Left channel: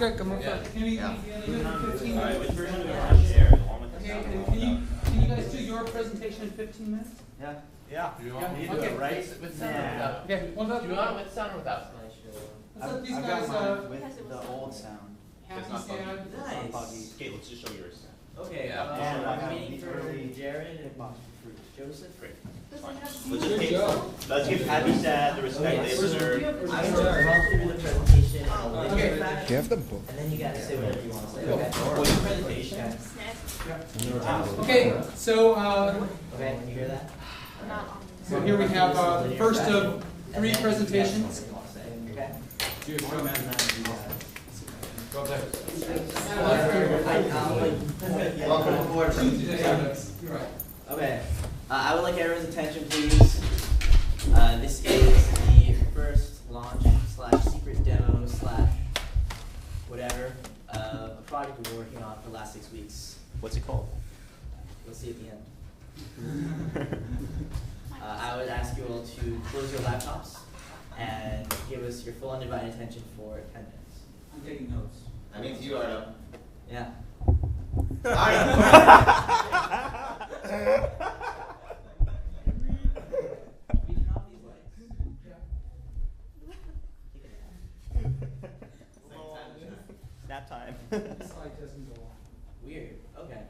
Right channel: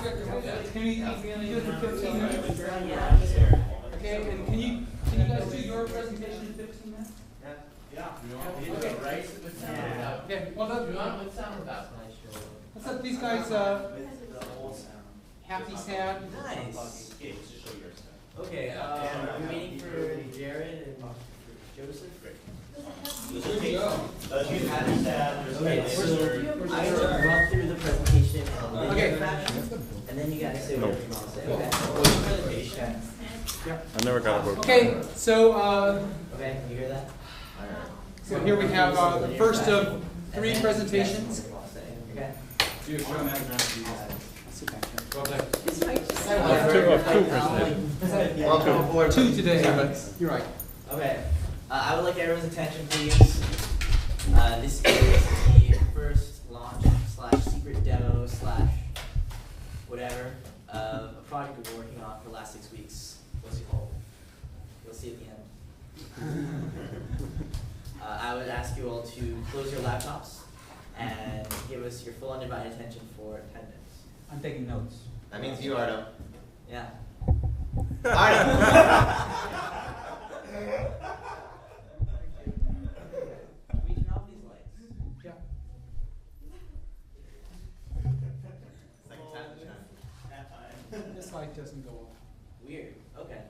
guys come over. Can we do it in 15 minutes? Okay, and can you guys do your presentation in 15 minutes? Yeah. Do you want me to Okay. write with sound or without? Okay, well, Do you want with sound or without? let's let these guys with the old sound. happy sound. Nice. Okay, let's just show yours. Okay, Yeah. I'm waiting for Jared and Joseph. Let's give happy sad, the respect they deserve. I'm going to run through the presentation in a linear Okay. fashion, and then you guys say whatever you want to say, okay? What's your presentation? I never got a book. Okay, so Okay, you hear that? so here we have the first of 3 presentations. Okay? Welcome aboard. 2 today. You're right. Okay, I would like everyone's attention, please. This is the first launch / secret demo / whatever a project we've been working on for the last 6 weeks. What's it called? You'll see at the end. I would ask you all to close your laptops and give us your full undivided attention for 10 minutes. I'm taking notes. That means you, Ardo. Yeah. Ardo! We turn off these lights. Yeah. Second time. That time. This light doesn't go off. Weird. Okay.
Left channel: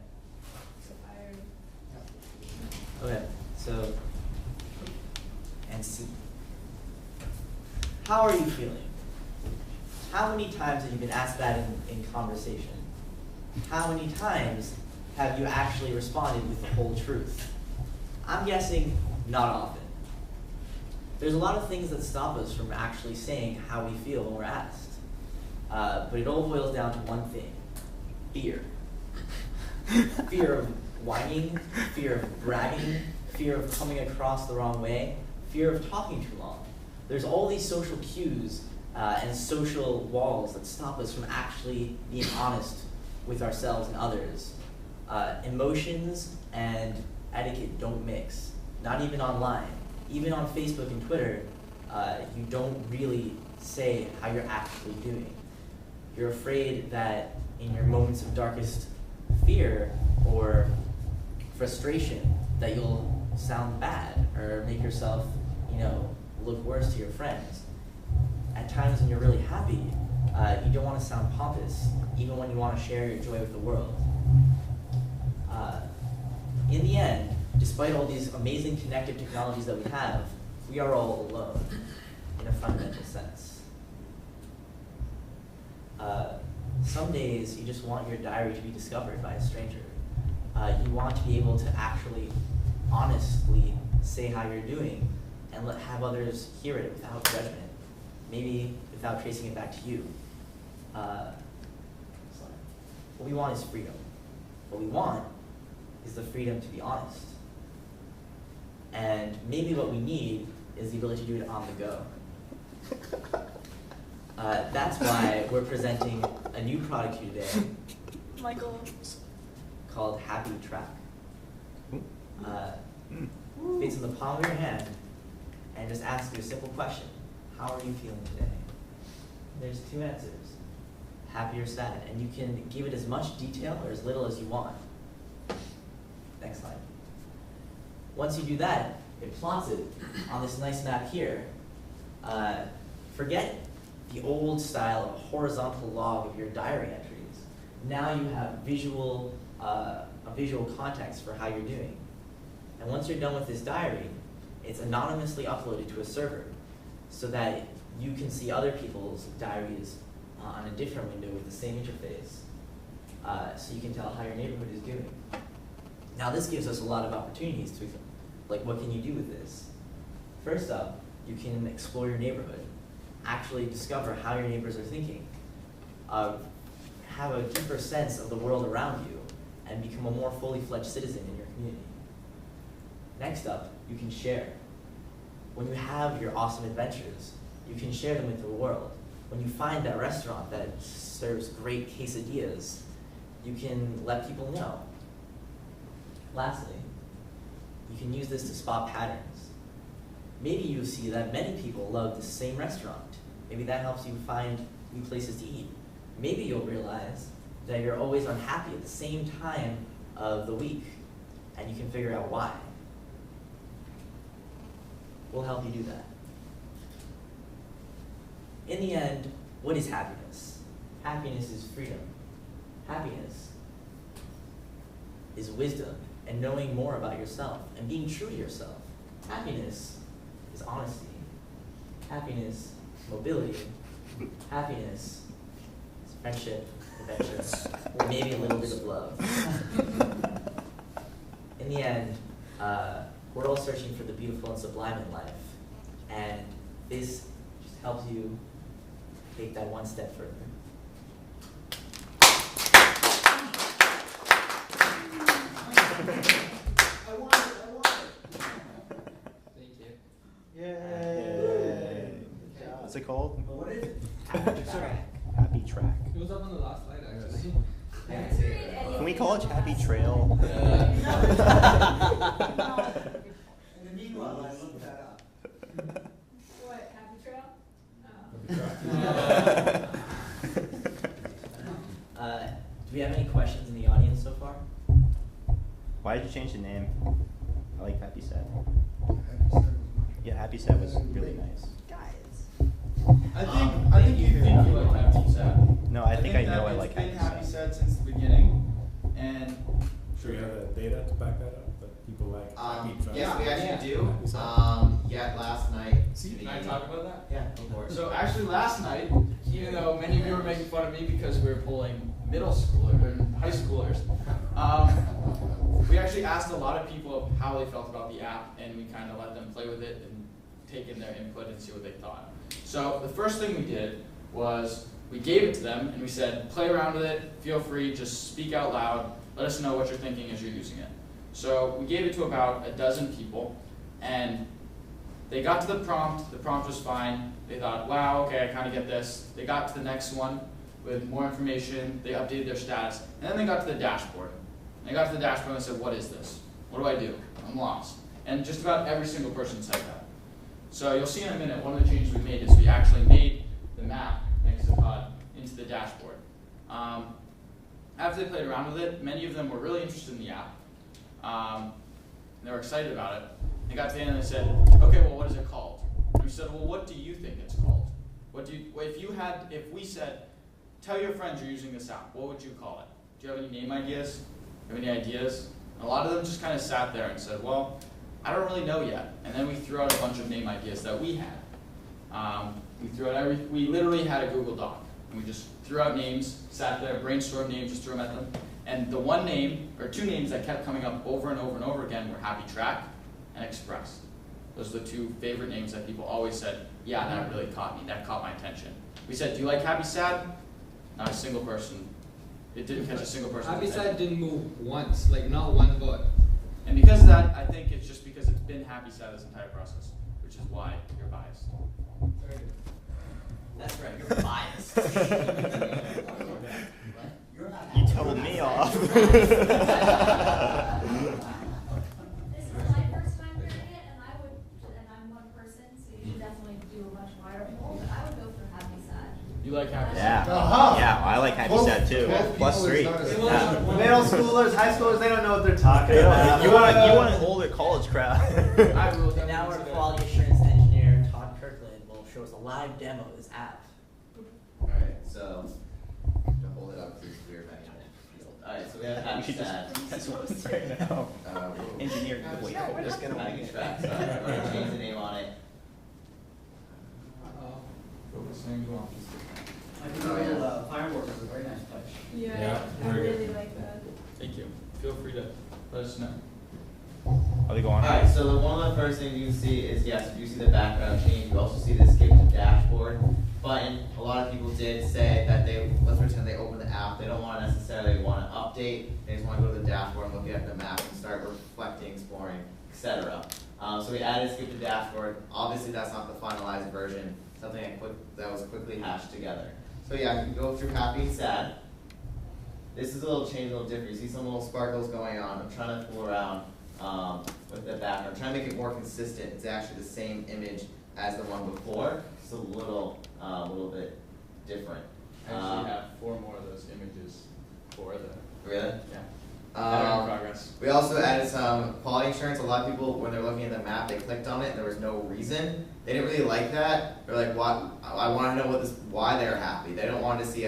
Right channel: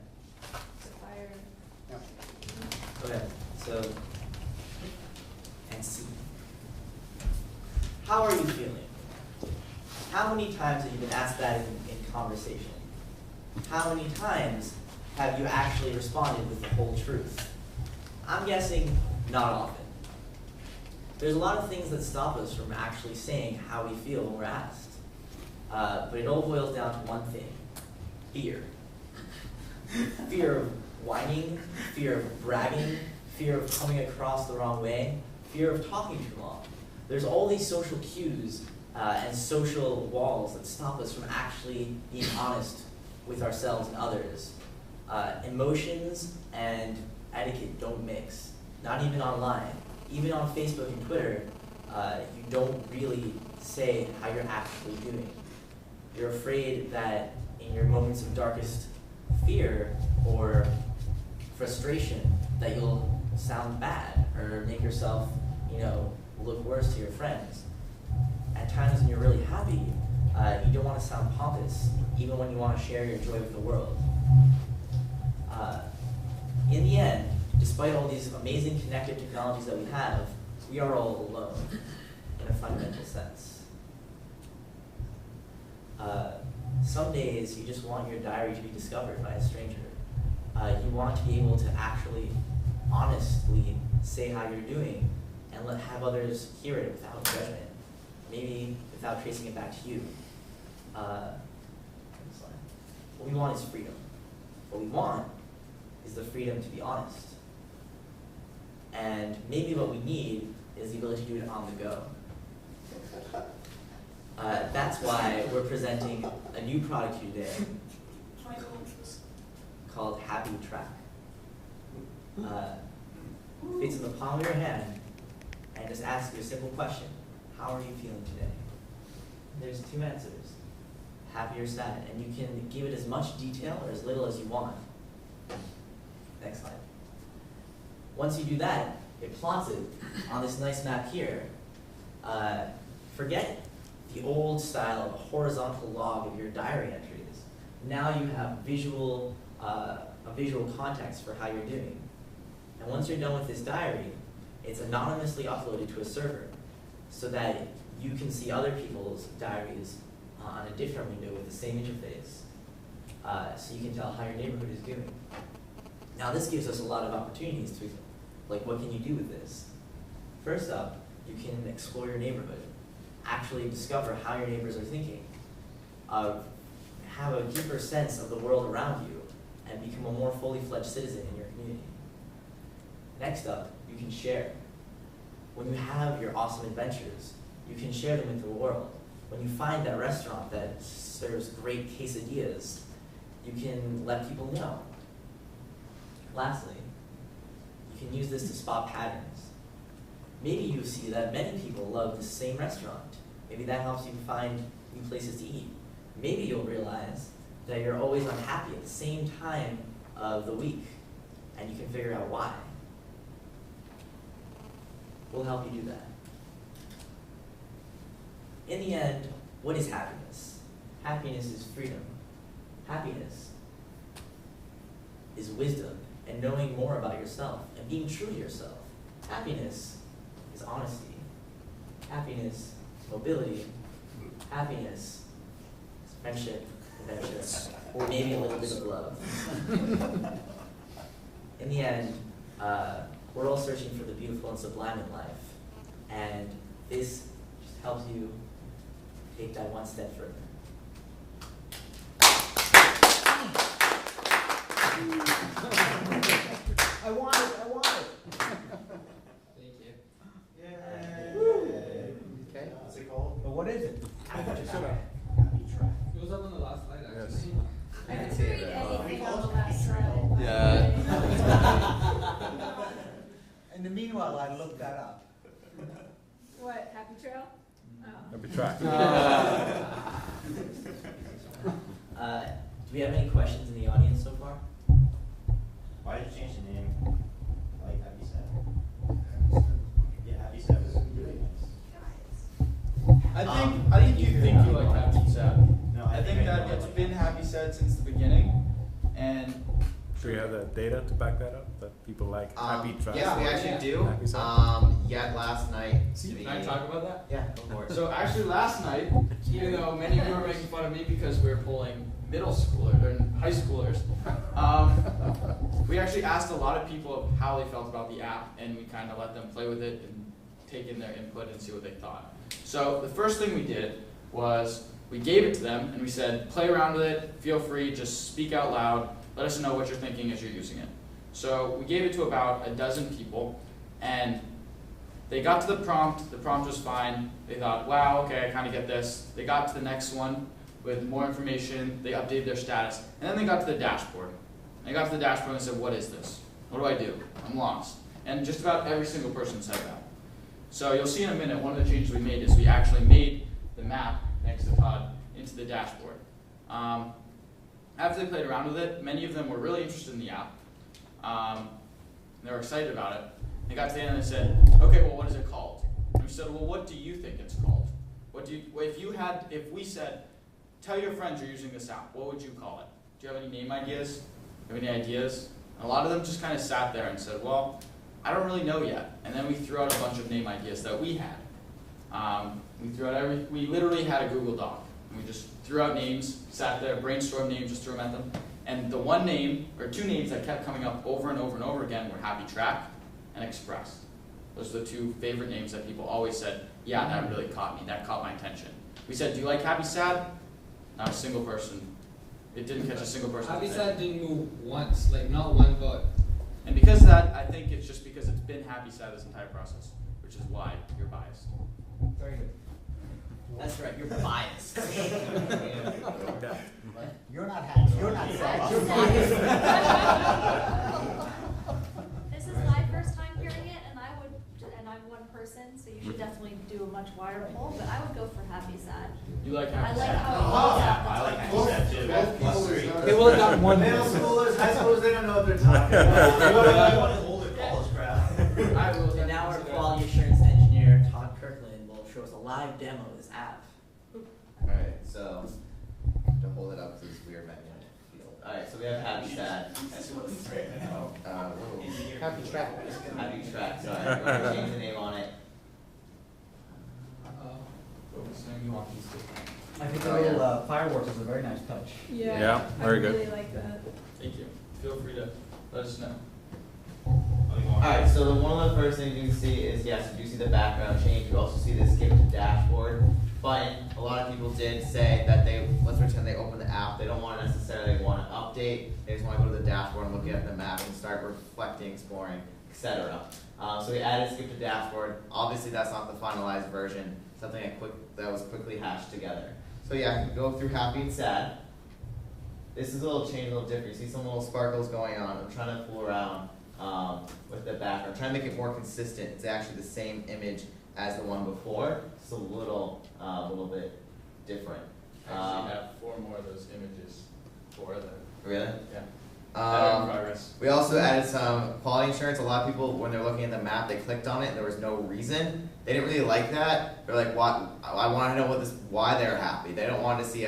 Yeah. Okay. So, and C. How are you feeling? How many times have you been asked that in conversation? How many times have you actually responded with the whole truth? I'm guessing not often. There's a lot of things that stop us from actually saying how we feel when we're asked. But it all boils down to one thing: fear. Fear of whining, fear of bragging, fear of coming across the wrong way, fear of talking too long. There's all these social cues and social walls that stop us from actually being honest with ourselves and others. Emotions and etiquette don't mix, not even online. Even on Facebook and Twitter, you don't really say how you're actually doing. You're afraid that in your moments of darkest fear or frustration that you'll sound bad or make yourself, look worse to your friends. At times when you're really happy, you don't want to sound pompous, even when you want to share your joy with the world. In the end, despite all these amazing connective technologies that we have, we are all alone in a fundamental sense. Some days you just want your diary to be discovered by a stranger. You want to be able to actually honestly say how you're doing and have others hear it without judgment, maybe without tracing it back to you. What we want is freedom. What we want is the freedom to be honest. And maybe what we need is the ability to do it on the go. That's why we're presenting a new product to you today called Happy Track. Fits in the palm of your hand and just asks you a simple question: how are you feeling today? There's 2 answers: happy or sad, and you can give it as much detail or as little as you want. Next slide. Once you do that, it plots it on this nice map here. Forget the old style of a horizontal log of your diary entries. Now you have a visual context for how you're doing. And once you're done with this diary, it's anonymously uploaded to a server so that you can see other people's diaries on a different window with the same interface. So you can tell how your neighborhood is doing. Now this gives us a lot of opportunities to, what can you do with this? First up, you can explore your neighborhood, actually discover how your neighbors are thinking, have a deeper sense of the world around you, and become a more fully fledged citizen in your community. Next up, you can share. When you have your awesome adventures, you can share them with the world. When you find that restaurant that serves great quesadillas, you can let people know. Lastly, you can use this to spot patterns. Maybe you see that many people love the same restaurant. Maybe that helps you find new places to eat. maybe you'll realize that you're always unhappy at the same time of the week, and you can figure out why. We'll help you do that. In the end, what is happiness? Happiness is freedom. Happiness is wisdom and knowing more about yourself and being true to yourself. Happiness is honesty. Happiness is mobility. Happiness is friendship, adventure, or maybe a little bit of love. In the end, we're all searching for the beautiful and sublime in life, and this just helps you take that one step further. I want it. Thank you. Yay. Okay. What's it called? What is it? Happy track. Happy track. It was up on the last slide, actually. I didn't see it. Can we call it Happy Trail? In the meanwhile, I looked that up. What, Happy Trail? Oh. Happy track. Do we have any questions in the audience so far? Why did you change the name? I like Happy Sad. Yeah, Happy Sad was really nice. I think you think you like Happy Sad. No, I I think think that I know I it's like been Happy Happy Sad since the beginning, and Do we have the data to back that up? That people like happy track? Yes, we actually do. Happy Sad? Yet last night. can I talk about that? Yeah, go for it. So actually, last night, even though many of you were making fun of me because we were polling middle schoolers and high schoolers, we actually asked a lot of people how they felt about the app, and we kind of let them play with it and take in their input and see what they thought. So the first thing we did was we gave it to them and we said, play around with it, feel free, just speak out loud, let us know what you're thinking as you're using it. So we gave it to about a dozen people, and they got to the prompt was fine, they thought, wow, okay, I kind of get this. They got to the next one with more information, they updated their status, and then they got to the dashboard. And they got to the dashboard and they said, what is this? What do I do? I'm lost. And just about every single person said that. So you'll see in a minute, one of the changes we made is we actually made the map, thanks to Todd, into the dashboard. After they played around with it, many of them were really interested in the app. They were excited about it. They got to the end and they said, okay, well, what is it called? And we said, well, what do you think it's called? If we said, tell your friends you're using this app, what would you call it? Do you have any name ideas? Do you have any ideas? And a lot of them just kind of sat there and said, well, I don't really know yet. And then we threw out a bunch of name ideas that we had. We literally had a Google Doc. And we just threw out names, sat there, brainstormed names, just threw them at them. And the one name, or two names that kept coming up over and over and over again were Happy Track and Express. Those are the two favorite names that people always said, yeah, that really caught me, that caught my attention. We said, do you like Happy Sad? Not a single person. It didn't catch a single person's Happy attention. Sad didn't move once, like not one vote. And because of that, I think it's just because it's been Happy Sad this entire process, which is why you're biased. Very good. That's right, you're biased. You're not happy. You're not sad. This is my first time hearing it, and I'm one person, so you should definitely do a much wider poll, but I would go for Happy Sad. You like Happy Yeah. Sad? Yeah, I like Happy Sad too. Plus 3. Middle schoolers, high schoolers, they don't know what they're talking about. You want to hold it college crowd. I will And now our definitely quality assurance engineer, Todd Kirkland, will show us a live demo of this app. Alright, so to hold it up because it's weird back in the field. Alright, so we have Happy Sad. That's what I'm saying now. Engineer Happy Track, we're just gonna Happy Track, so I'm going to change the name on it. What's the name you want? I think the little fireworks is a very nice touch. Yeah, very good. I really like that. Thank you. Feel free to let us know. Are they going? Alright, so one of the first things you see is, yes, you see the background change. You also see the skip to dashboard button. A lot of people did say that let's pretend they open the app, they don't want to necessarily want to update, they just want to go to the dashboard and look at the map and start reflecting, exploring, etc. So we added skip to dashboard. Obviously that's not the finalized version, something that was quickly hashed together. So yeah, you can go through Happy and Sad. This is a little change, a little different. You see some little sparkles going on. I'm trying to fool around with the background, trying to make it more consistent. It's actually the same image as the one before, just a little bit different. I actually have 4 more of those images for the, Really? yeah. That are in Um, progress. we also added some quality insurance. A lot of people, when they're looking at the map, they clicked on it and there was no reason. They didn't really like that. They're like, "What? I want to know why they're happy." They don't want to see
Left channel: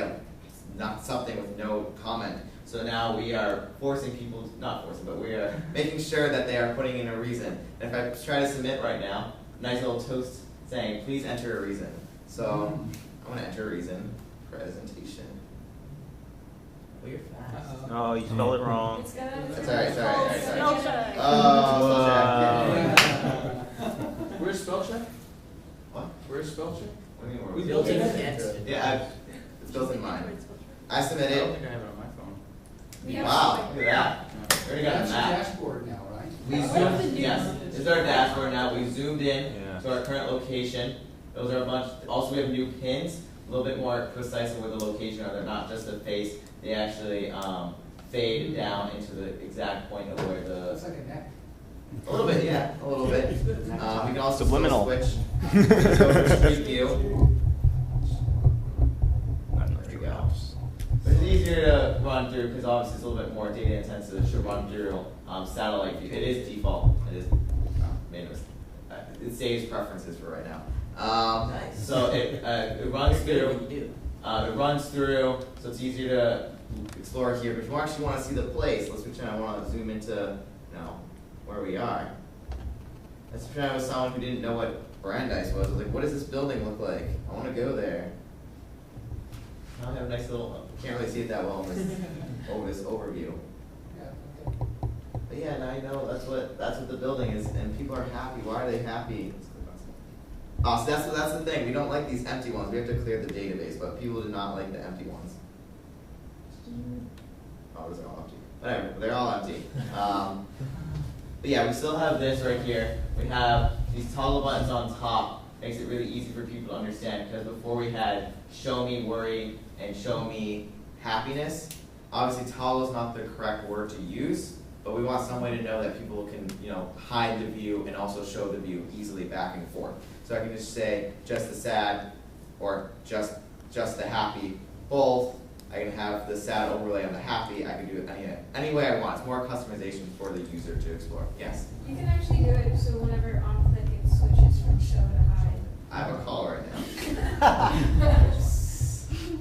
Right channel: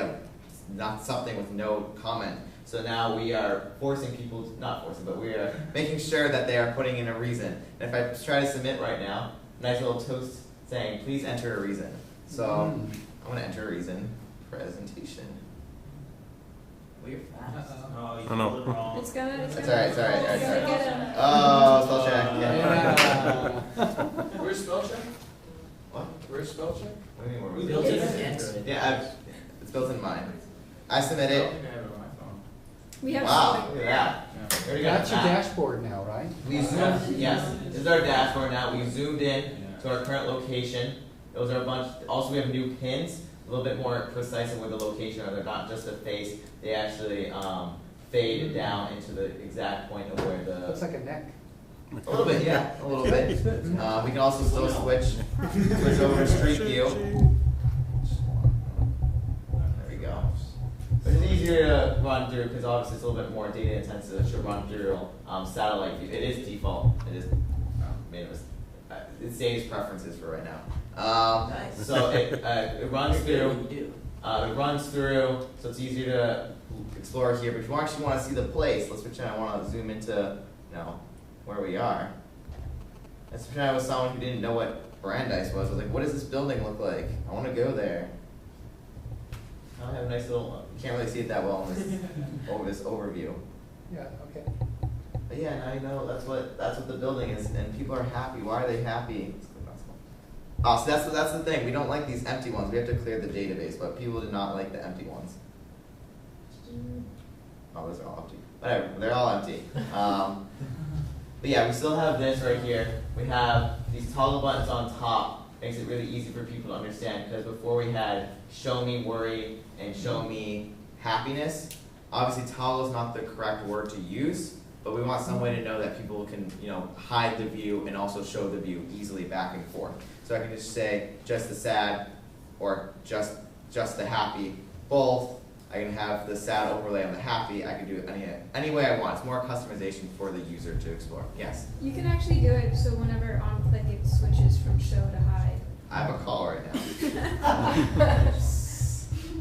not something with no comment. So now we are forcing people, not forcing, but we are making sure that they are putting in a reason. And if I try to submit right now, nice little toast saying, "Please enter a reason." So I'm gonna enter a reason. Presentation. Well, you're fast. Oh, you Oh, spelled no. it wrong. It's gonna. It's alright, it's alright, it's alright. alright. Oh, spell check. Yeah. Where's spell check? What? Where's spell check? What do you mean, We we're built it building in. Yeah, it's built in mine. I submit I it. don't think I have it on my phone. We have Wow, something. look at that. Yeah. We already got That's a your map. dashboard now, right? We zoomed, yes, this is our dashboard now. We zoomed in Yeah. to our current location. Those are a bunch, also we have new pins, a little bit more precise of where the location are. They're not just a face, they actually fade down into the exact point of where That's the, like a neck. a little bit, yeah, a little bit. We can also still Subliminal. switch over to Street View. There we go. But it's easier to run through because obviously it's a little bit more data intensive to run through satellite view. It is default. It is. It saves preferences for right now. Nice. So it runs You're good at through. what you do. It runs through, so it's easier to explore here. But if you actually want to see the place, let's pretend I want to zoom into, where we are. Let's pretend I was someone who didn't know what Brandeis was. I was like, what does this building look like? I want to go there. I have a nice little. Can't really see it that well in this overview. Yeah, okay. But yeah, now you know that's what the building is, and people are happy. Why are they happy? Let's click on small. So that's the thing. We don't like these empty ones. We have to clear the database, but people do not like the empty ones. Oh, those are all empty. Whatever, they're all empty. But yeah, we still have this right here. We have these toggle buttons on top. Makes it really easy for people to understand because before we had show me worry and show me happiness. Obviously, toggle is not the correct word to use, but we want some way to know that people can, hide the view and also show the view easily back and forth. So I can just say just the sad or just the happy, both. I can have the sad overlay on the happy. I can do it any way I want. It's more customization for the user to explore. Yes? You can actually do it so whenever on click it switches from show to hide. I have a call right now.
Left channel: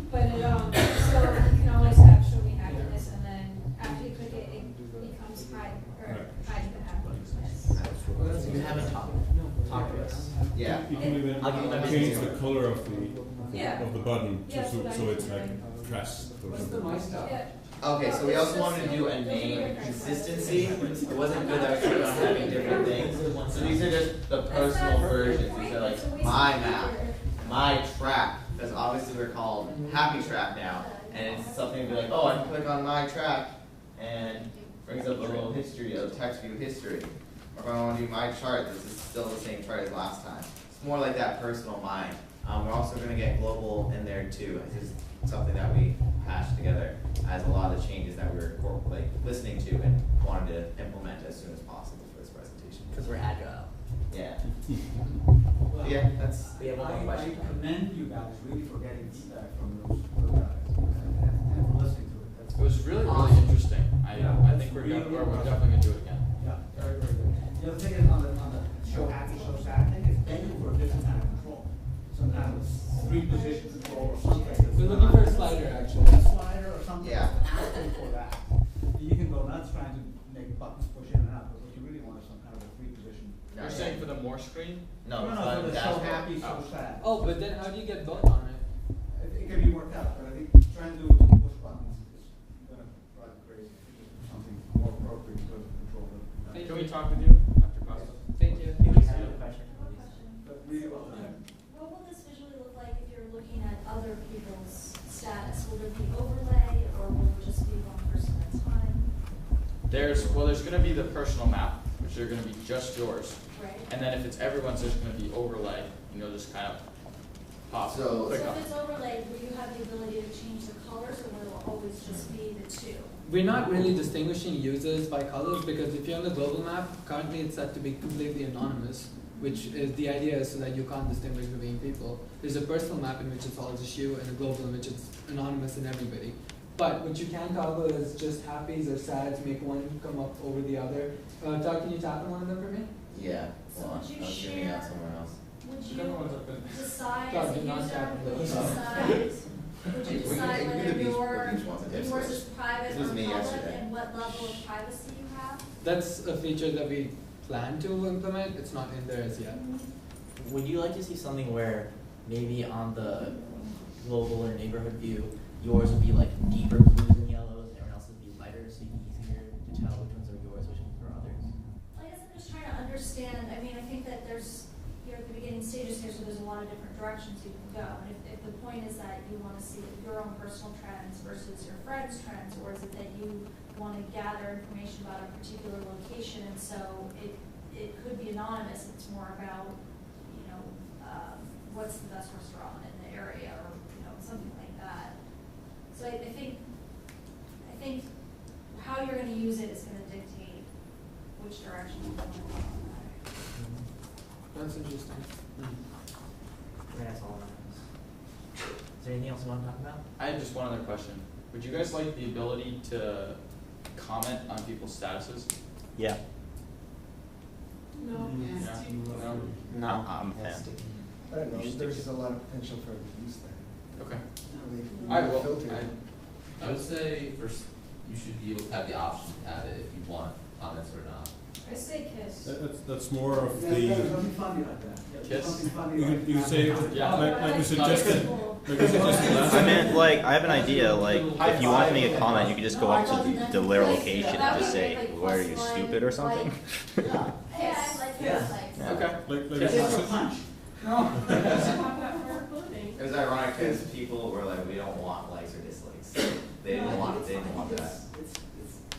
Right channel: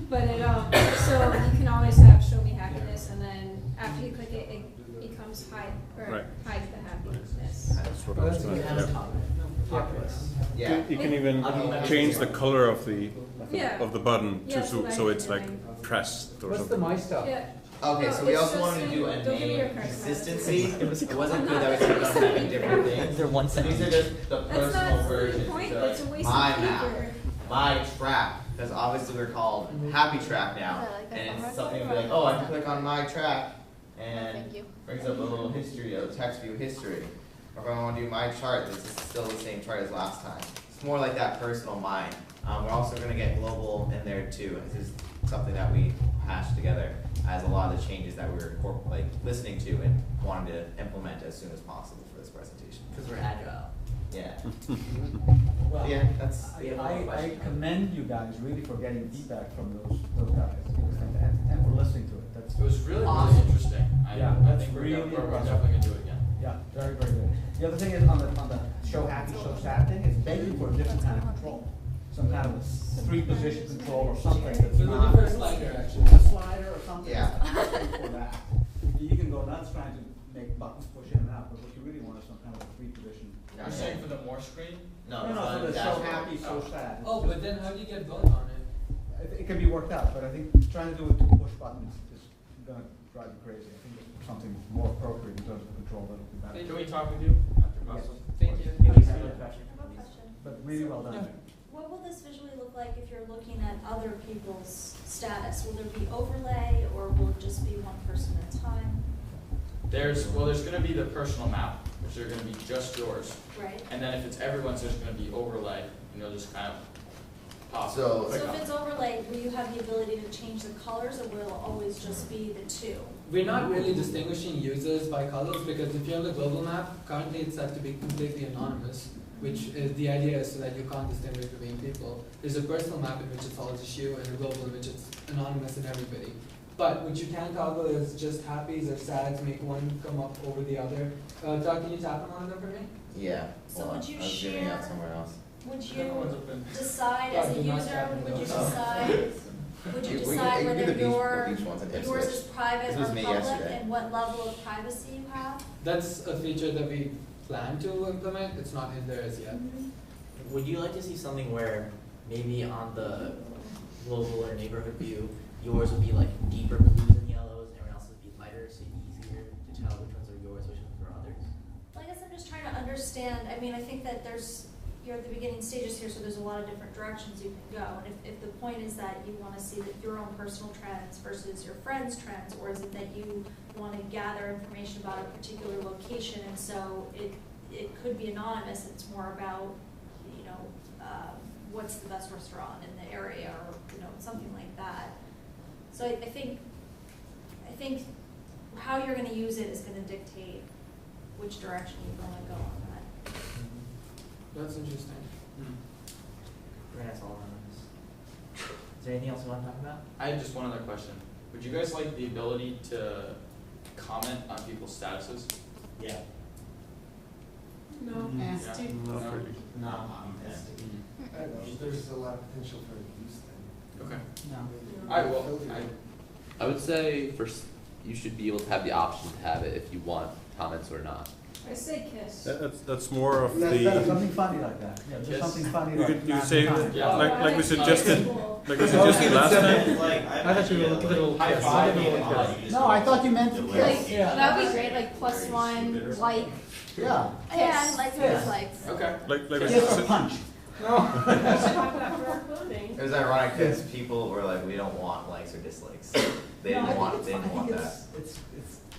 But so you can always have show me happiness and then after you click it, it becomes hide or Right. hides the happiness. That's what I was You doing. haven't talked to us. Yeah. You can even I'll give you my change business the card. color of the Yeah. button Yeah, to, so that so you it's can, like like- pressed or What's the something. my stuff? Yeah. Okay, so we also wanted to do a name consistency. It wasn't good that we kept on having different things. They're one So these are just the personal versions. These are like my map, my track, because obviously we're called Happy Track now, and it's something to be like, oh, I can click on my track, and brings up a little history, a text view history. Or if I want to do my chart, this is still the same chart as last time. It's more like that personal mind. We're also going to get global in there too. This is something that we hashed together as a lot of the changes that we were listening to and wanted to implement as soon as possible for this presentation. Because we're agile. Yeah. Well, Yeah, that's. We have one more I question. commend you guys really for getting feedback from those guys and for listening to it. That's, It was really, really Awesome. interesting. I Yeah, think really we're impressive. definitely gonna do it again. yeah, very, very good. The other thing is on the show happy, show sad thing, it's begging for a different kind of control. Some kind of a 3-position control or something that's We're looking not. for a slider, actually. A slider or something Yeah. that's asking for that. You can go nuts trying to make buttons push in and out, but what you really want is some kind of a 3-position. You're saying for the more screen? No, No, it's not for a the show dashboard. happy, so sad. Oh, but then how do you get both on it? It can be worked out, but I think trying to do it to push buttons is gonna drive you crazy. I think there's something more appropriate in terms of control that would be better. Can we talk with you after class? Thank you. Do we have a question from these? But really well done. What will this visually look like if you're looking at other people's status? Will there be overlay or will it just be one person at a time? There's gonna be the personal map, which are gonna be just yours. Right? And then if it's everyone's, there's gonna be overlay, and you'll just kind of pop. So- click So on if it. it's overlaid, will you have the ability to change the colors or will it always just be the two? We're not really distinguishing users by colors because if you're on the global map, currently it's set to be completely anonymous. which is the idea is so that you can't distinguish between people. There's a personal map in which it's all just you, and a global in which it's anonymous and everybody. But what you can toggle is just happies or sads, make one come up over the other. Doug, can you tap on one of them for me? Yeah. So Hold on, would you I was zooming out share- somewhere else. Would The other one's you open. decide God, as a do not user, tap on would you those. decide, would you We can- decide you can do whether the beach ones and hit yours switch. is private This or was me public yesterday. and what level of privacy you have? That's a feature that we plan to implement. It's not in there as yet. Would you like to see something where maybe on the global or neighborhood view, yours would be like deeper blues and yellows, and everyone else's would be lighter, so it'd be easier to tell which ones are yours, which ones are others? Well, I guess I'm just trying to understand, I mean, I think that you're at the beginning stages here, so there's a lot of different directions you can go. And if the point is that you wanna see that your own personal trends versus your friends' trends, or is it that you wanna gather information about a particular location, and so it could be anonymous, it's more about, what's the best restaurant in the area, or, something like that. So I think how you're gonna use it is gonna dictate which direction you wanna go on that. That's interesting. Right, that's all anonymous. Is there anything else you want to talk about? I had just one other question. Would you guys like the ability to comment on people's statuses? Yeah. No. Yeah. No? No. I don't know, there's a lot of potential for abuse there. Okay. No. Alright, well, Filter. I, I would say first, you should be able to have the option to have it if you want comments or not. I say kiss. That's more of There's the, something funny like that. Yeah, there's Yes. something funny you like could, you that. could say, Yeah. like we suggested, like we suggested last And time. like, I have an idea, like, if you want to make a comment, you can just No, go I up thought to you meant the to where click. location That'd and be say, great, like why are plus you one, stupid or something? like, Yeah. yeah, I like Yeah. those, like. okay. Like we Yes, or suggested, punch. It was ironic because people were like, we don't want likes or dislikes. They No, I didn't think want, it's they didn't fine. I want think that. It's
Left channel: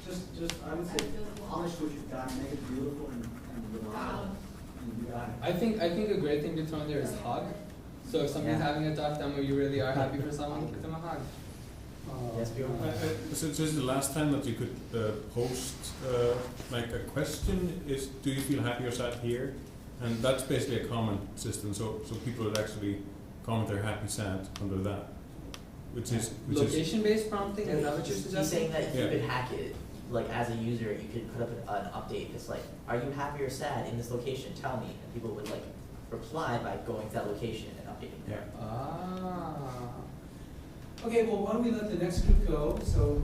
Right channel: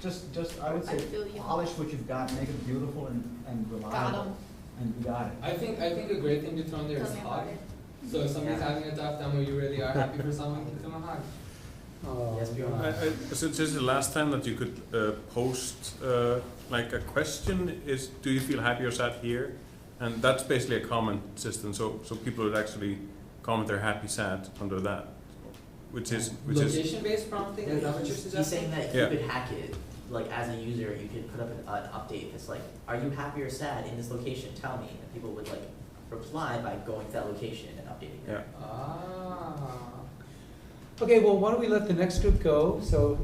just, I would say, polish what you've got, make it beautiful and reliable, and you got it. I think a great thing to throw in there is hug. So if somebody's Yeah. having a tough time or you really are happy for someone, give them a hug. Yes, Bjorn? since this is the last time that you could post like a question, is do you feel happy or sad here? And that's basically a comment system, so people would actually comment their happy, sad under that, which is Location-based prompting, is that what you're He's suggesting? saying that Yeah. you could hack it, like as a user, you could put up an update that's like, are you happy or sad in this location? Tell me. And people would like reply by going to that location and updating yeah. them. Ah. Okay, well, why don't we let the next group go? So,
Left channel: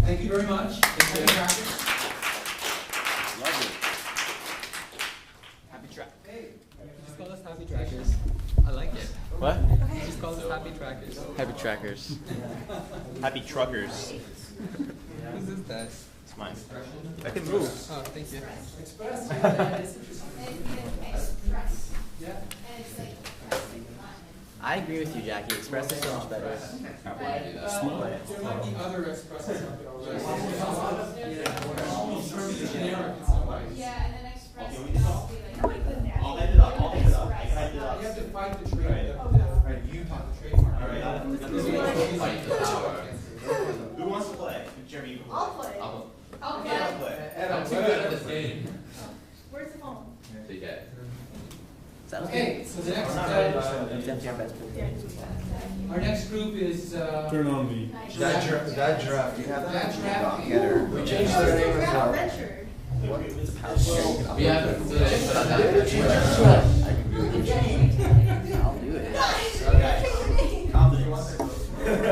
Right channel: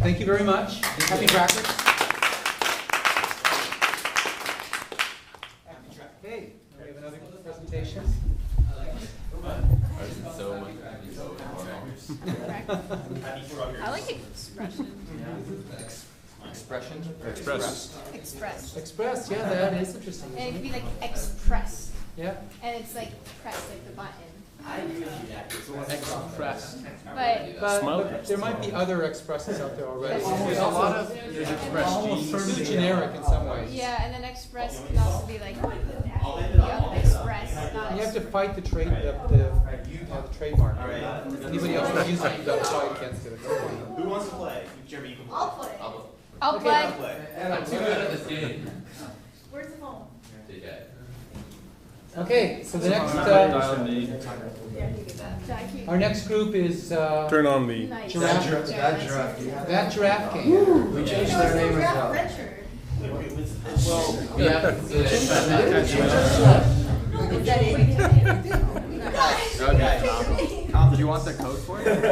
thank you very much. Happy crackers. Happy track. Hey, Let's call this presentations. I like it. What? Just call So this happy much. practice. Happy trackers. Happy truckers. Mine. Express. Oh, thank you. Express. Express, yeah, that is interesting. And it'd be like express, Yeah. and it's like pressing the button. I agree with you, Jackie. Express that sounds better. But Smell But there might be other expresses out there already. Almost It's all also- of yeah, Almost it's certainly generic in some ways. yeah, and then express Okay, can also be like, I'll the end it up, I'll end it up. express. I can end it up. You have to fight the trade, Right. the trademark. All right. Anybody else use it, they'll fight against it. Who wants to play? Jeremy, you can play. I'll play. I'll I'll Okay, play. I'll play. I'm too good at this game. Where's the phone? So you get it. Okay, so the next, our next group is, Turn on the, Giraffe. That giraffe. That Giraffe King. We changed their name as well. Richard. We have Okay. Calm Do you want the code for it? Okay.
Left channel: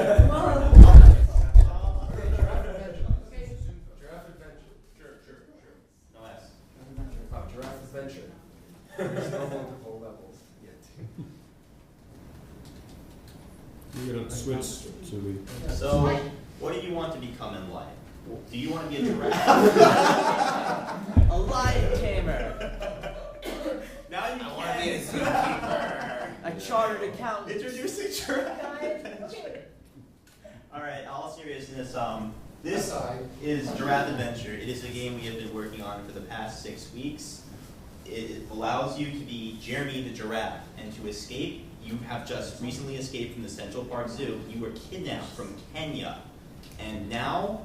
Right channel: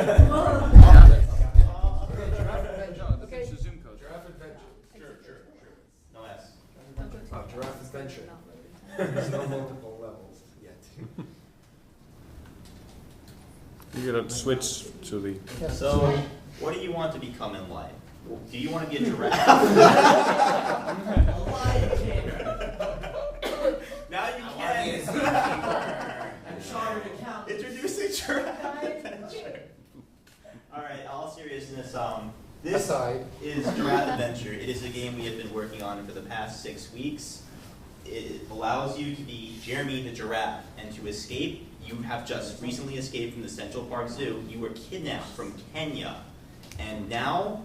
Giraffe adventure. Sure. No S. Oh, giraffe adventure. There's no multiple levels yet. you're gonna switch to the, So, what do you want to become in life? Do you want to be a giraffe? A lion tamer. Now you I wanna be a can. A chartered accountant. Introducing giraffe adventure. All right, all seriousness, this Aside. is Giraffe Adventure. It is a game we have been working on for the past 6 weeks. It allows you to be Jeremy the giraffe, and to escape, you have just recently escaped from the Central Park Zoo. You were kidnapped from Kenya, and now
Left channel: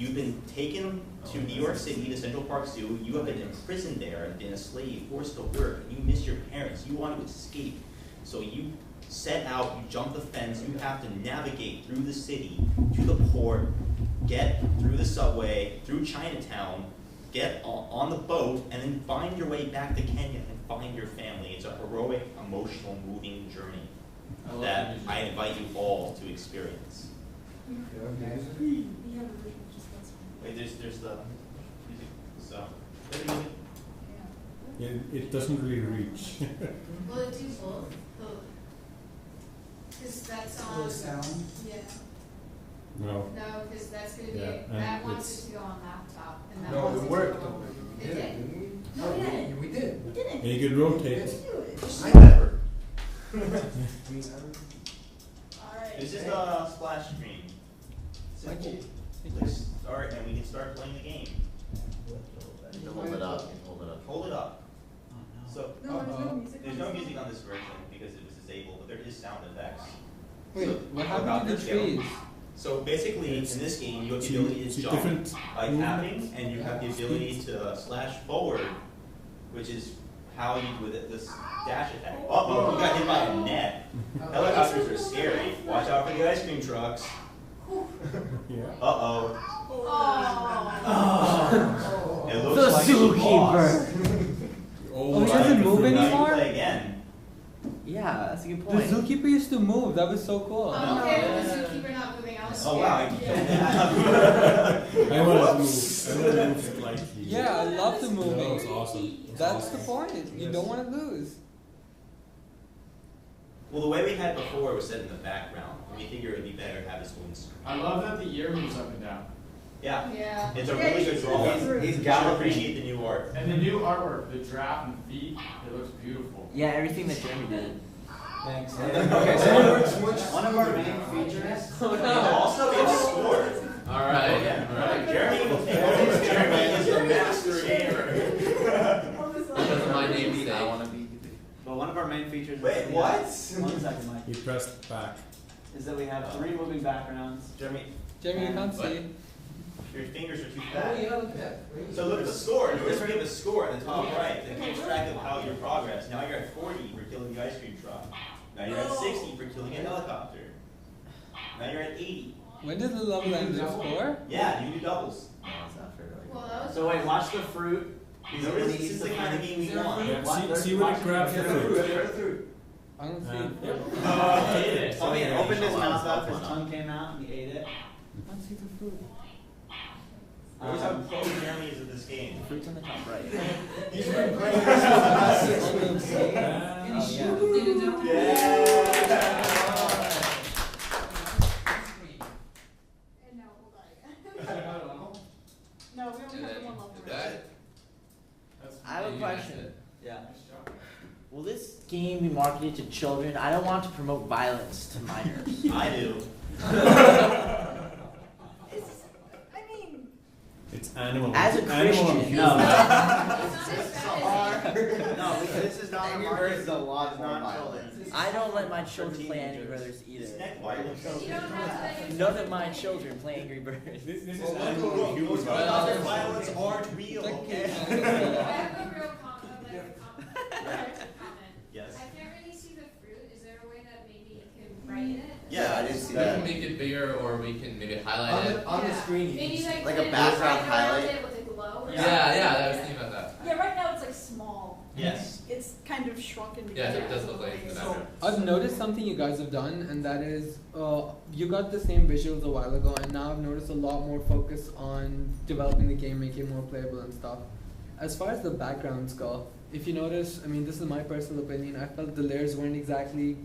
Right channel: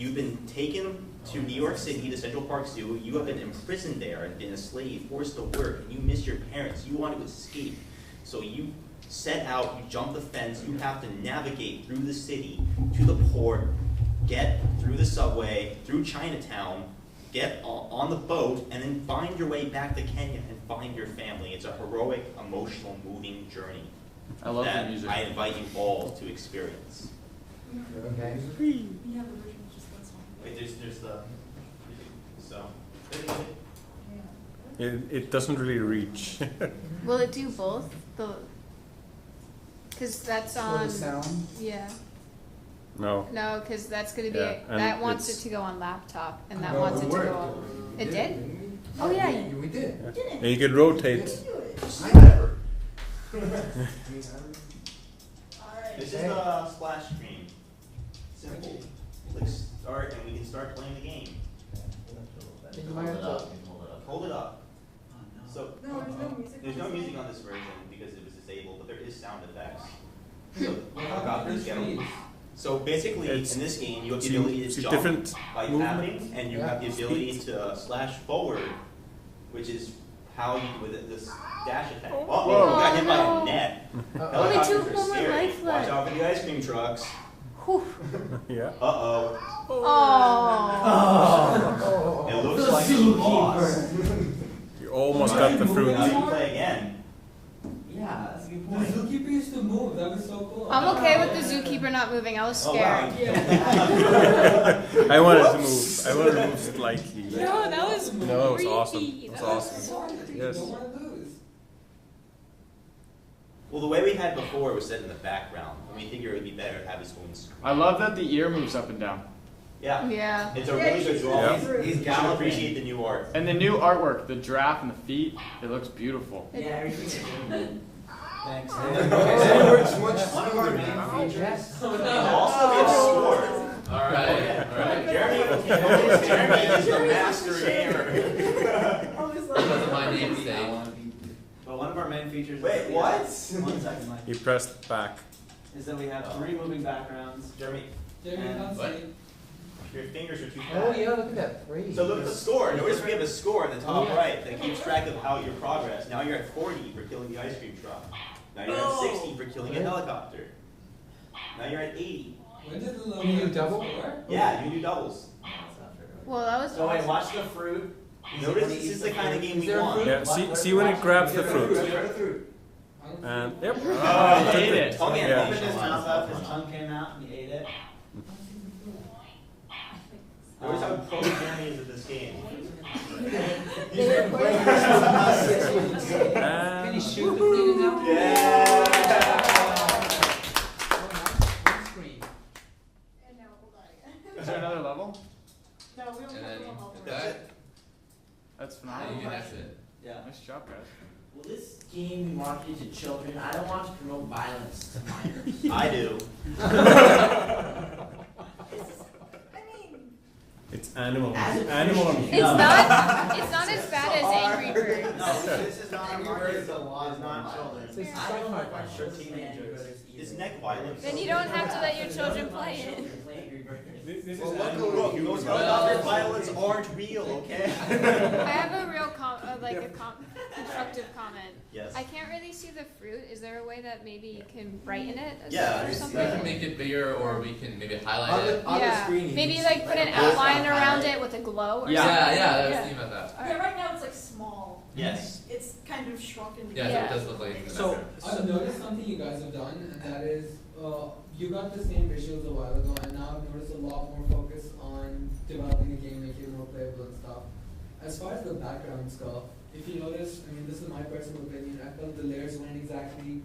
You've been taken to New York City, to Central Park Zoo. You have been imprisoned there and been a slave, forced to work, and you miss your parents. You want to escape. So you set out, you jump the fence, you have to navigate through the city to the port, get through the subway, through Chinatown, get on the boat, and then find your way back to Kenya and find your family. It's a heroic, emotional, moving journey that I invite you all to experience. Okay. We have a version of just one song. Wait, there's the music. So, It doesn't really reach. Will it do both? Because that's on. sound? Yeah. No. No, because that's going to be, Yeah, and that wants it's- it to go on laptop, and that No, wants it it to worked. go on. We It did, did? didn't we? Oh, yeah. We did. We did it. And you can rotate. I never. Alright. this is the splash screen. Simple. Click start, and we can start playing the game. Hold it up. Hold it up. So, No, there's no music. there's on no this music one. on this version because it was disabled, but there is sound effects. What happened to Helicopters the get 'em. trees? So basically, It's- in this game, you have the see- ability to see jump different by movement. tapping, and you have the ability to slash forward, which is how you do with this dash attack. Uh-oh, you got hit by a net. Helicopters are scary. Watch out for the ice cream trucks. Yeah. Uh-oh. Oh. It looks like you lost. You almost Oh, got the you're fruit. moving Now you more? play again. Yeah, that's a good The point. zookeeper used to move. That was so cool. I'm okay with the zookeeper not moving. I was Oh, scared. wow. I wanted to move. I wanted to move slightly. Yeah, No, I that love was to move. No, it was awesome. creepy. It was That That's awesome. the point. You Yes. don't want to lose. Well, the way we had before was set in the background, and we figured it would be better to have this one screen. I love that the ear moves up and down. Yeah, Yeah. it's a Yeah, really you good should draw. see it. He's gotta appreciate the new art. And the new artwork, the giraffe and the feet, it looks beautiful. Yeah, everything that Jimmy did. Thanks. Okay, so one of our main features. Also, we have score. Alright. Jeremy will take over. Jeremy is the master here. Because of my namesake. But one of our main features is Wait, that we what? have, 1 second, Mike, He pressed back. is that we have 3 moving backgrounds. Jeremy, Jamie, you can't What? see. your fingers are too Oh fat. yeah, look at that. Great. So look at the score. Notice we have a score at the top right that keeps track of how your progress. Now you're at 40 for killing the ice cream truck. Now you're at 60 for killing a helicopter. Now you're at 80. When did the level like double score? Yeah, you do doubles. Well, that was. So wait, watch the fruit. Notice this is the kind of game we want. Yeah. See when it grabs the fruit. And yep. Oh, He ate it. Oh, He yeah. opened his mouth up, his tongue came out, and he ate it. Notice how pro Jeremy is at this game. He's been playing this for the past 6 weeks. And Yeah. And now hold on. Is there another level? No, we only And have then the one level. that's it. That's I have Yeah, a you can question. exit. Yeah. nice job, guys. Will this game be marketed to children? I don't want to promote violence to minors. I do. I mean, it's animal. As a Animal and Christian- It's human. not as bad as Angry Birds. No, this is not a Angry market, Birds is a lot it's more not violent. children. I don't let my For children play Angry teenagers. Birds either. It's neck violence. Then you don't have to let your None children of my play it. children play Angry Birds. This is Well, animal look, and human. those violence. other violence aren't real, okay? I have a real constructive comment. Yes. I can't really see the fruit. Is there a way that maybe you can brighten it? as Yeah, well or I see something? We can make it bigger, or we can maybe highlight it. On the Yeah. screen, you Maybe can like see, put a an background outline around highlight. it with a glow or Yeah. something. Yeah, I was thinking about that. yeah, right now it's like small. Yes. It's kind of shrunken Yeah, together. so it does look like it's in the So background. I've noticed something you guys have done, and that is you got the same visuals a while ago, and now I've noticed a lot more focus on developing the game, making it more playable and stuff. As far as the backgrounds go, if you notice, I mean, this is my personal opinion. I felt the layers weren't exactly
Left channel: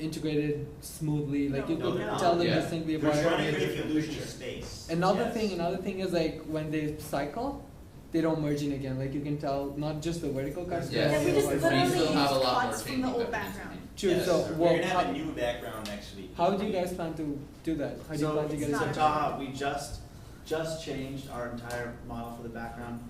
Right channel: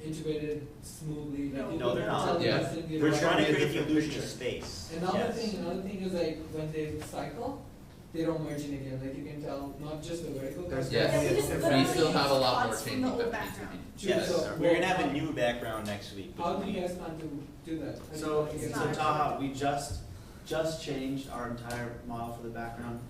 integrated smoothly. Like you No, they're couldn't not. tell them Yeah. distinctly We're apart. trying to create the illusion of space. Another Yes. thing is like when they cycle, they don't merge in again. Like you can tell, not just the vertical. Yes. Yeah, we just We literally still have a used lot more cuts from changing the old that needs to background. be. True, Yes. so, We're gonna have how- a new background next week. How do you guys plan to do that? How do you So, plan to get it's it? not- Taha, we just changed our entire model for the background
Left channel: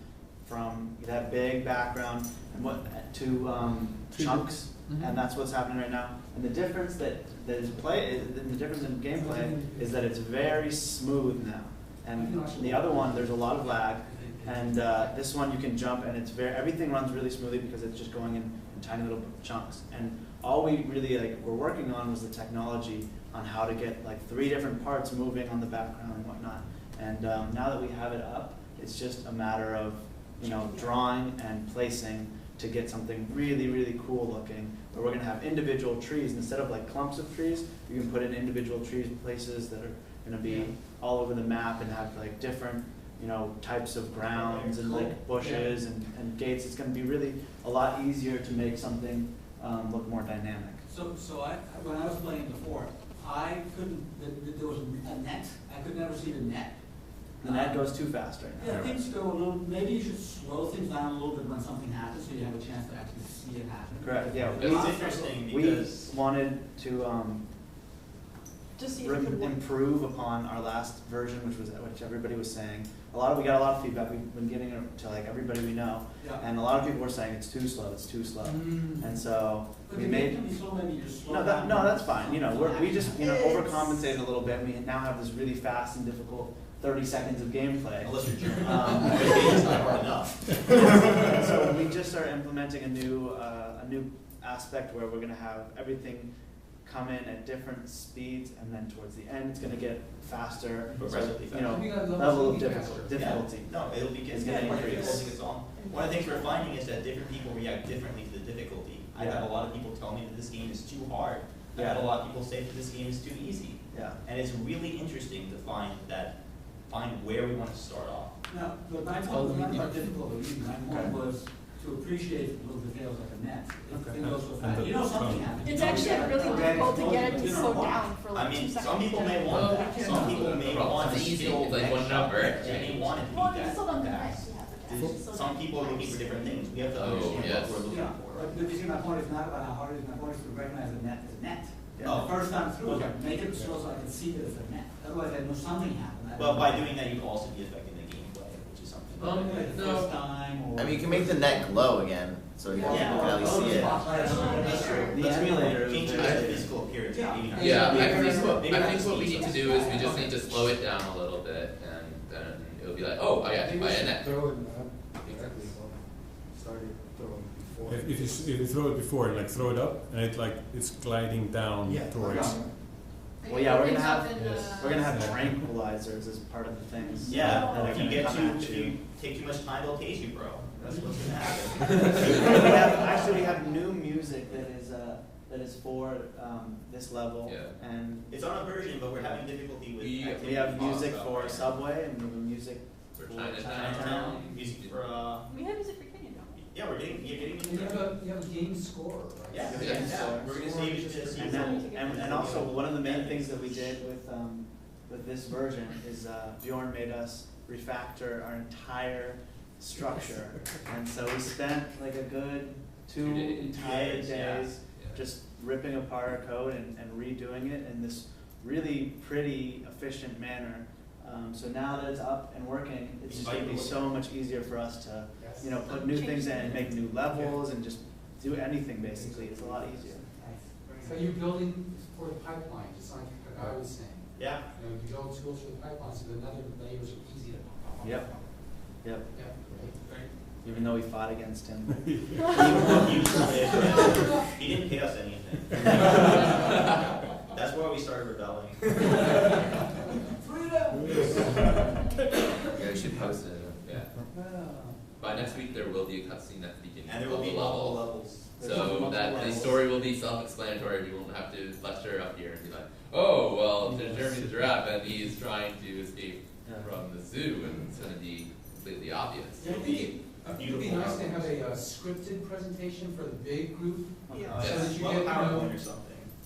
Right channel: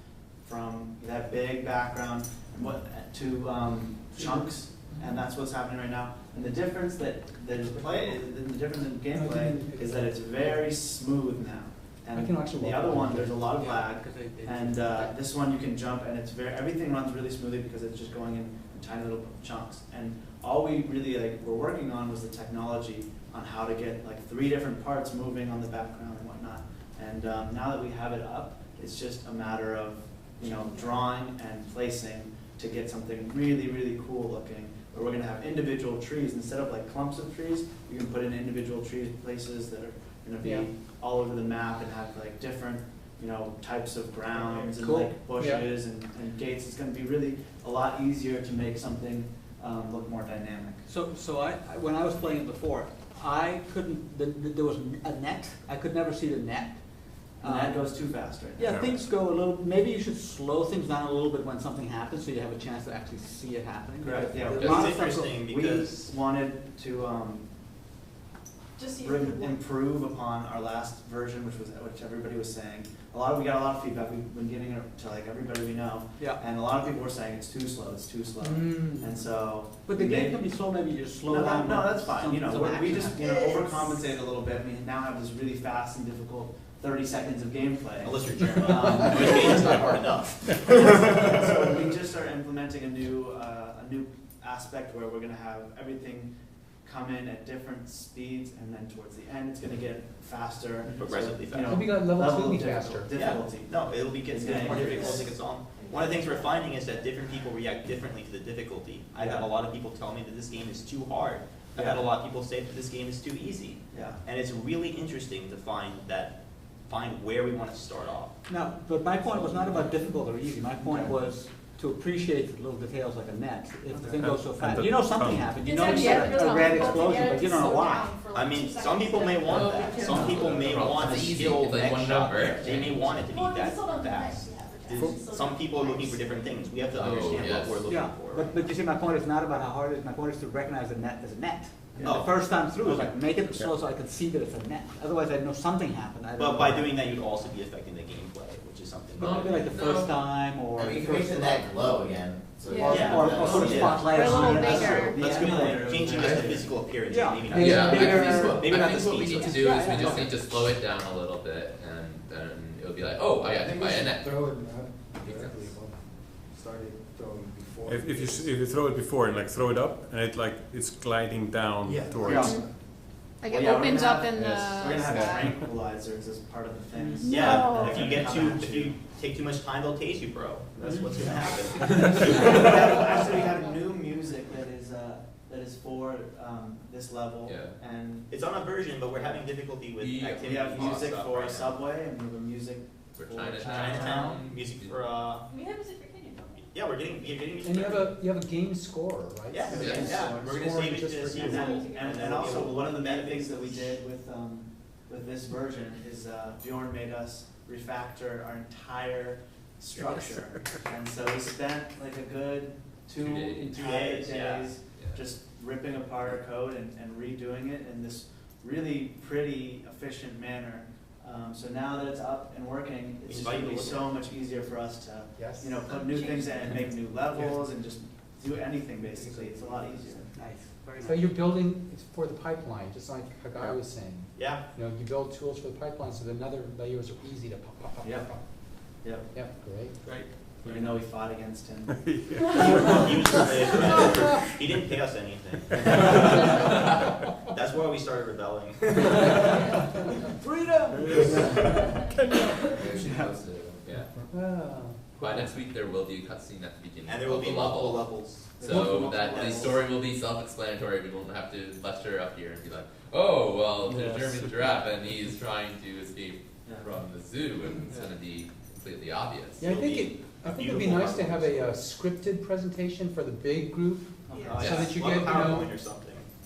from that big background and to chunks, and that's what's happening right now. And the difference the difference in gameplay is that it's very smooth now. I can And actually the walk other around. one, there's a lot of lag. Because And this one you can jump, and it's everything runs really smoothly because it's just going in tiny little chunks. And all we really were working on was the technology on how to get like 3 different parts moving on the background and whatnot. And now that we have it up, it's just a matter of drawing and placing to get something really, really cool looking. Where we're gonna have individual trees instead of like clumps of trees. You can put in individual trees places that are gonna be all over the map and have like different types of grounds and Cool. like bushes and gates. It's going to be really a lot easier to make something look more dynamic. So I when I was playing it before, I couldn't. There was a net. I could never see the net. And that goes too fast right now. Yeah, things go a little. Maybe you should slow things down a little bit when something happens, so you have a chance to actually see it happening. Correct. Yeah. There's a lot It's of stuff interesting We because wanted to Just see if it would work. improve upon our last version, which everybody was saying. We got a lot of feedback. We've been getting it to like everybody we know, Yeah. and a lot of people were saying it's too slow. It's too slow. And so But we the made. game can be slow. Maybe you just slow No, down. no, that's fine. We just It's- overcompensated a little bit. We now have this really fast and difficult 30 seconds of gameplay. unless you're German, it's not hard enough. So we just are implementing a new aspect where we're going to have everything come in at different speeds, and then towards the end it's going to get faster. Progressively So, faster. Maybe got level level two of be faster. difficulty. No, it'll be It's getting getting more increased. difficult as it gets on. One of the things we're finding is that different people react differently to the difficulty. I've had a lot of people tell me that this game is too hard. I've had a lot of people say that this game is too easy. Yeah. And it's really interesting to find where we want to start off. No, but my point was not about difficult or easy. My point Okay. was to appreciate the little details like a net. If the Okay. thing goes so And fast, the you know something tongue. happened. You It's know actually you got really a grand difficult to explosion, get it but to you don't know slow why. down for like I mean, 2 seconds. some people may want that. Yeah. Some people may want It's a easy. skill It's like next one shot. number. They may want it to Well, be you still don't that connect, fast. you have to Some people are looking for different things. We have to Oh, understand yes. what we're looking Yeah, for. but you see, my point is not about how hard it is. My point is to recognize a net as a net. Yeah. Oh. The first time through, it's Okay. like make it slow so I could see that it's a net. Otherwise, I know something happened. I don't But know. by doing that, you'd also be affecting the gameplay, which is something. Maybe like the No. first time, or I mean, you can make the net glow again. So Yeah. or Yeah. spotlight That's on true. it. That's true. The Let's emulator is changing very- just the physical appearance, Yeah. maybe not. Yeah, I maybe think not- what, maybe I not think the what we speed need to so do is we much. just need to slow it down a little bit, and then it'll be like, oh, I got to buy a net. Throw it directly started throwing before. If you throw it before and like throw it up and it's gliding down Yeah. towards. Like Well, it yeah, we're opens gonna up have- in yes. We're gonna have Yeah. tranquilizers as part of the things. Yeah, Oh. if you get Come at if you take too much time, they'll tase you, bro. That's what's gonna happen. We have new music that is for this level, Yeah. and It's on a version, but we're having difficulty with We- activity. we have music stuff for right now. Subway, and we have music For for Chinatown, music for We have music for Kenya, don't we? yeah, we're getting music. And you for- have a game score, right? Yeah, Yeah. yeah, we're gonna save it to the And, season. and also, one of the main things that we did with this version is Bjorn made us refactor our entire structure. And so we spent like a good 2 entire days Yeah. just ripping apart our code and redoing it in this really pretty efficient manner. So now that it's up and working, it's just Invite going to be you to so look much easier for us to Yes. put new things in and make new levels and just do anything basically. It's a lot easier. Nice. So you're building for the pipeline, just like Hagai was saying. Yeah, You know, you build tools for the pipeline so that other layers are easy to pop. Yep. Yep. Yep, great. right. Even though we fought against him. He didn't pay us anything. That's why we started rebelling. Yeah. By next week, there will be a cutscene at the beginning And there will of be the multiple level. levels. So that the story will be self-explanatory. We won't have to lecture up here and be like, oh, well, there's Jeremy the giraffe and he's trying to escape from the zoo, and it's going to be completely obvious. Yeah, I think it'd be nice to have a scripted presentation for the big group, Yeah. so that you Well, get, you PowerPoint know, or something.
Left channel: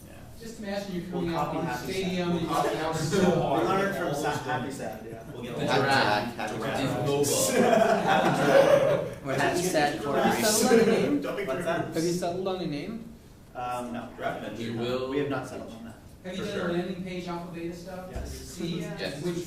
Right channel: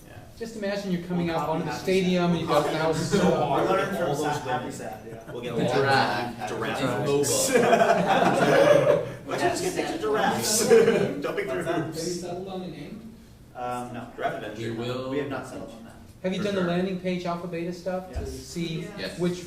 Yeah. just imagine you're coming We'll out copy on the Happy stadium and you've got the house So so hard. We All learned from those Happy women. Sad, yeah. We'll get a The lot giraffe. of It's mobile. Let's get pictures of giraffes. Jumping What's through that? hoops. Have you settled on a name? No. Giraffe adventure. We will. We have not settled on that. Have you For done sure. the landing page alpha beta stuff to Yes. see Yes. which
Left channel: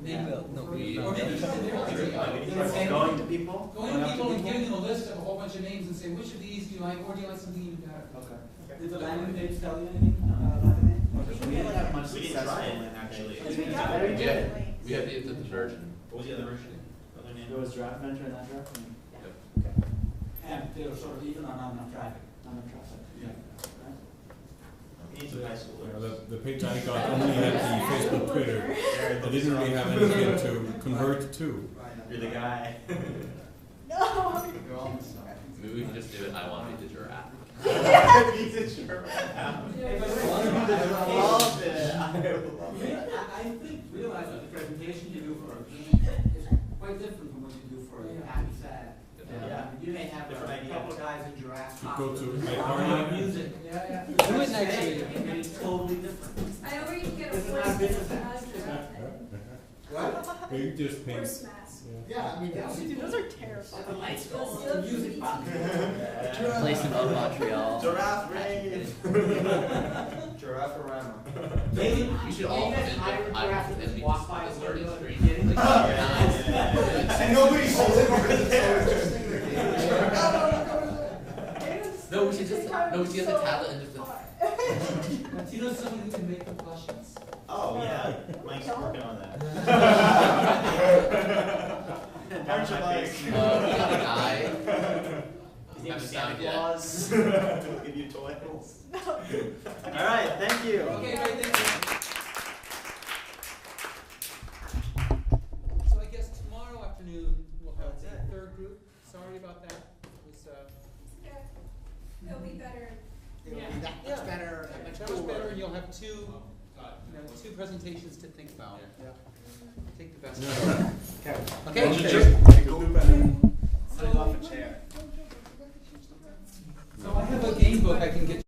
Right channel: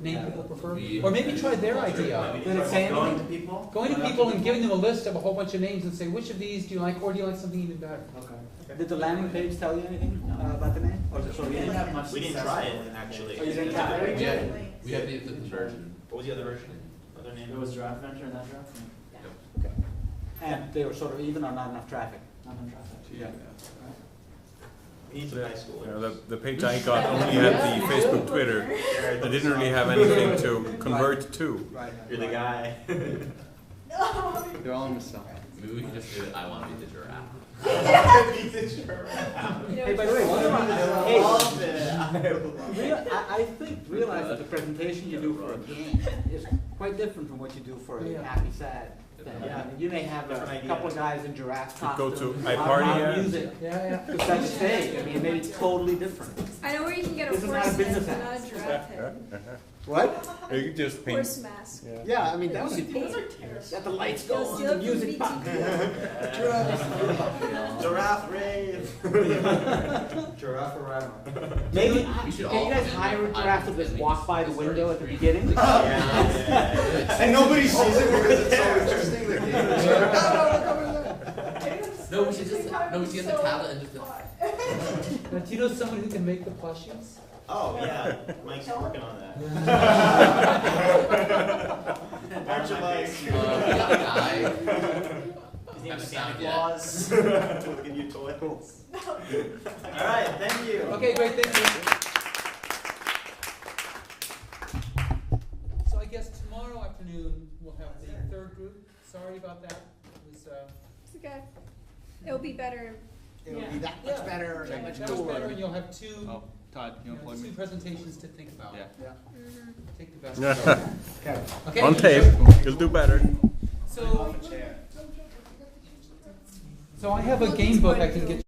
name people prefer? We- Or maybe try their idea. Saying- Going to people? Going to people and giving them a list of a whole bunch of names and say, which of these do you like, or do you like something even better? Okay. Did the landing page tell you anything No. about the name? So we didn't have much We didn't success try with it, landing actually. page. Because we Yeah. got Yeah. originally, We have the version. What was the other version? Other name? There was Giraffe Adventure in that draft? Yep. Okay. And they were sort of even on not enough traffic. Not enough traffic. Yeah. We need some high schoolers. The page I got only had the Facebook, Twitter. They didn't really have anything to convert to. Right. You're the guy. No. They're all on the side. Maybe we can just do it. I want to be the giraffe. Be the giraffe. Hey, by the way, I love it. I love it. I think, realize that the presentation you do for a game is quite different from what you do for a happy, sad. Yeah. You may have Different a idea. couple of guys in giraffe To go costumes. to iParty, Music. Yeah. That's stage. I mean, maybe it's totally different. I know where you can get a This is horse not a business mask, act. not a giraffe head. What? You just paint. Horse mask. Yeah, I mean, that would be. Those are terrible. Let the lights go Those on, the look music box. Giraffe rave. Giraffe around. Maybe, We should can all you guys come in hire a with giraffe to iPhones just and walk by the just window at the start beginning? Yeah. And nobody sees it because it's so interesting. They're No, we should just get the tablet and just. Now, do you know somebody who can make the plushies? Oh, yeah. Mike's working on that. Aren't you, Mike? We got the guy. His name is Haven't Santa found yet. Claus. He'll give you toys. All right, thank you. Okay, great, thank you. So I guess tomorrow afternoon, we'll have the third group. Sorry about that. It was, It's okay. It'll be better. It'll be that much better, that much that was cooler. better, and you'll have two, Todd, two presentations to think about. Yeah. Take the best. Yeah. Okay. Okay. One take. You'll do better. Sitting off a chair. So I have a game book I can get you.